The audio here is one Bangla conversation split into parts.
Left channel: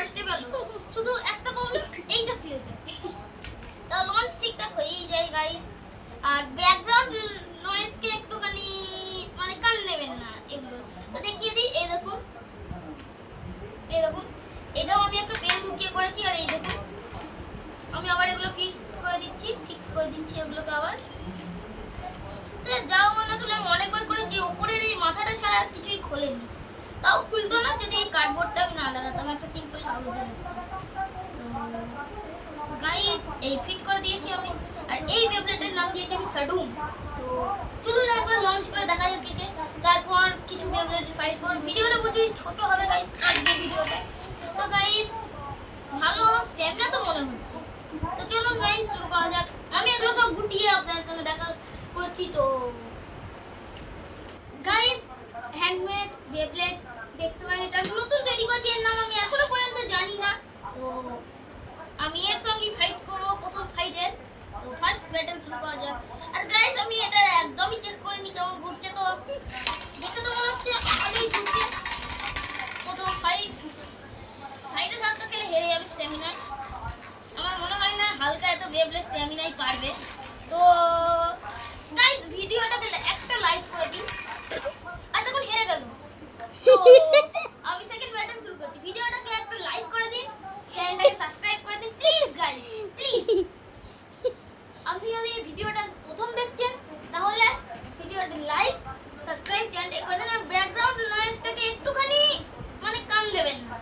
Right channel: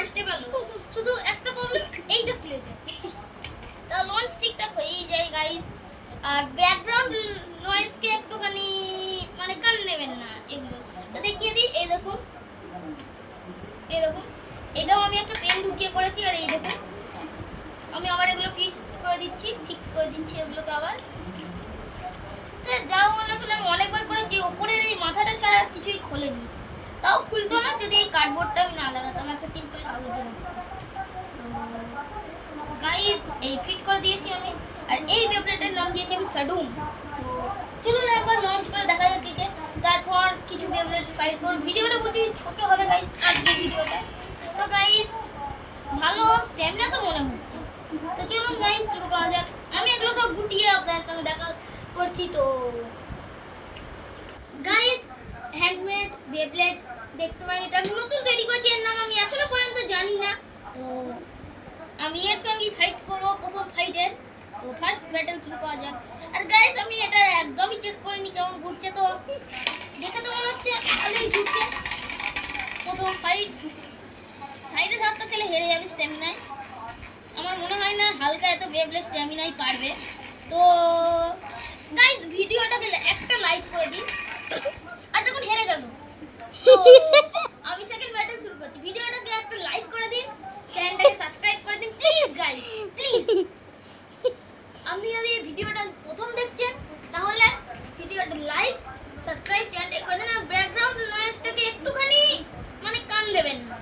ফার্স্টে পেলো, শুধু একটা প্রবলেম এইটা খুলে যায়। তা লঞ্চ ঠিকঠাক হয়েই যায় গাইস। আর ব্যাকগ্রাউন্ড নয়েজকে একটুখানি মানে কান নেবেন না এগুলো। তো দেখিয়ে দিই, এই দেখুন এটাও আমি একটা পেন ঢুকিয়ে করেছি। আর এই দেখুন আমি আবার এগুলো ফিক্স করে দিচ্ছি এগুলোকে আবার। যাও মনে করলে আমি অনেকবার করেছি, ওপরের এই মাথাটা ছাড়া আর কিছুই খোলেনি। তাও খুলতো না যদি এই কার্ডবোর্ডটা আমি না লাগাতাম, একটা সিম্পল কাগজের। গাইস এই ফিট করে দিয়েছি আমি। আর এই বেবলেটের নাম দিয়েছি আমি সাডুম। তো চলুন একবার লঞ্চ করে দেখা যাক দিকে, তারপর কিছু বেবলেট ফাইট করব। ভিডিওটা বুঝি ছোট হবে গাইস আজকে ভিডিওটা। তো গাইস ভালো স্ট্যামিনা তো মনে হচ্ছে। তো চলুন গাইস শুরু করা যাক। আমি এগুলো সব গুটিয়ে আপনাদের সঙ্গে দেখা করছি। তো গাইস হ্যান্ডমেড বেবলেট দেখতে পারেন, এটা আমি নতুন তৈরি করেছি। এর নাম আমি এখনো পর্যন্ত জানি না। তো আমি এর সঙ্গে ফাইট করব প্রথম ফাইটের। তো ফার্স্ট ব্যাটল শুরু করা যাক। আর গাইস আমি এটা একদমই চেক করিনি কেমন ঘুরছে। তো দেখে তো মনে হচ্ছে ভালোই ঘুরছে। প্রথম ফাইট সাইডে থাকতে খেলে হেরে যাবে স্ট্যামিনায়। আমার মনে হয় না হালকা এত বেবলেট স্ট্যামিনাই পারবে। তো গাইস ভিডিওটাকে একটা লাইক করে দিন। আর তখন হেরে গেল। তো আমি সেকেন্ড ব্যাটল শুরু করছি। ভিডিওটাকে একটা লাইক করে দিন, চ্যানেলটাকে সাবস্ক্রাইব করে দিন প্লিজ গাইস, প্লিজ। আপনি যদি এই ভিডিওটা প্রথম দেখছেন তাহলে ভিডিওটা লাইক সাবস্ক্রাইব চ্যানেলটা করে দিন। আর ব্যাকগ্রাউন্ড নয়েজটাকে একটুখানি মানে কান দেবেন না।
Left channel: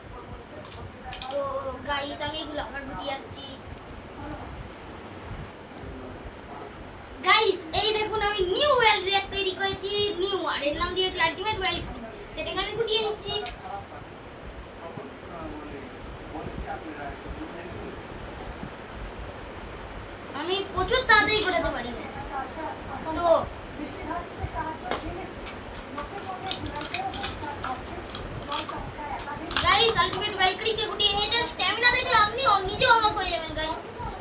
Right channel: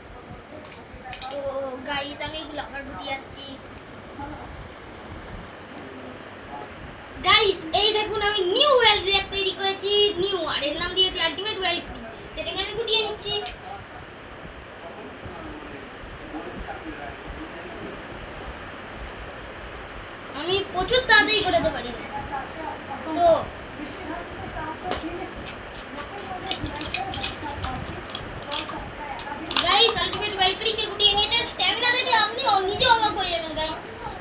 তো গাইস আমি এগুলো আবার গুটিয়ে আসছি। গাইস এই দেখুন আমি নিউ ওয়েল রিঅ্যাক্ট তৈরি করেছি, নিউ। আর এর নাম দিয়েছি আলটিমেট ওয়েল ক্রি, যেটাকে আমি গুটিয়ে নিচ্ছি। আমি প্রচুর তাড়াতাড়ি ঘোরাতে পারি। তো গাইস আলটিমেট ওয়েল ক্রিকে গুটিয়ে নিয়েছে। স্ট্যামিনা দেখলে আপনি নিজে অবাক হয়ে যাবেন গাইস।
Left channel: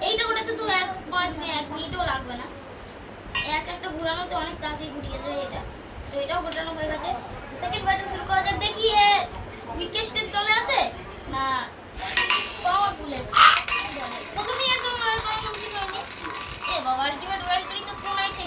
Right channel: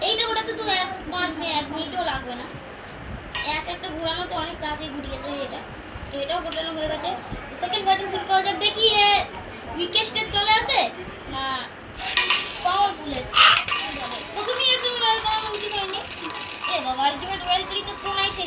এইটা ওটাতে তো 1 মিনিটও লাগবে না। একটা ঘোরানোতে অনেক তাড়াতাড়ি ঘুরিয়ে যায় এটা। তো এটাও ঘোরানো হয়ে গেছে। সেকেন্ড ব্যাটল শুরু করা যাক। দেখি উইকেস্টের দলে আছে না পাওয়ারফুল আছে। প্রথমেই আছে মনে হয়, কারণ বুঝতে পারিনি। এ বাবা আলটিমেট ওয়েল ক্রি তো কোনায় ঠেকে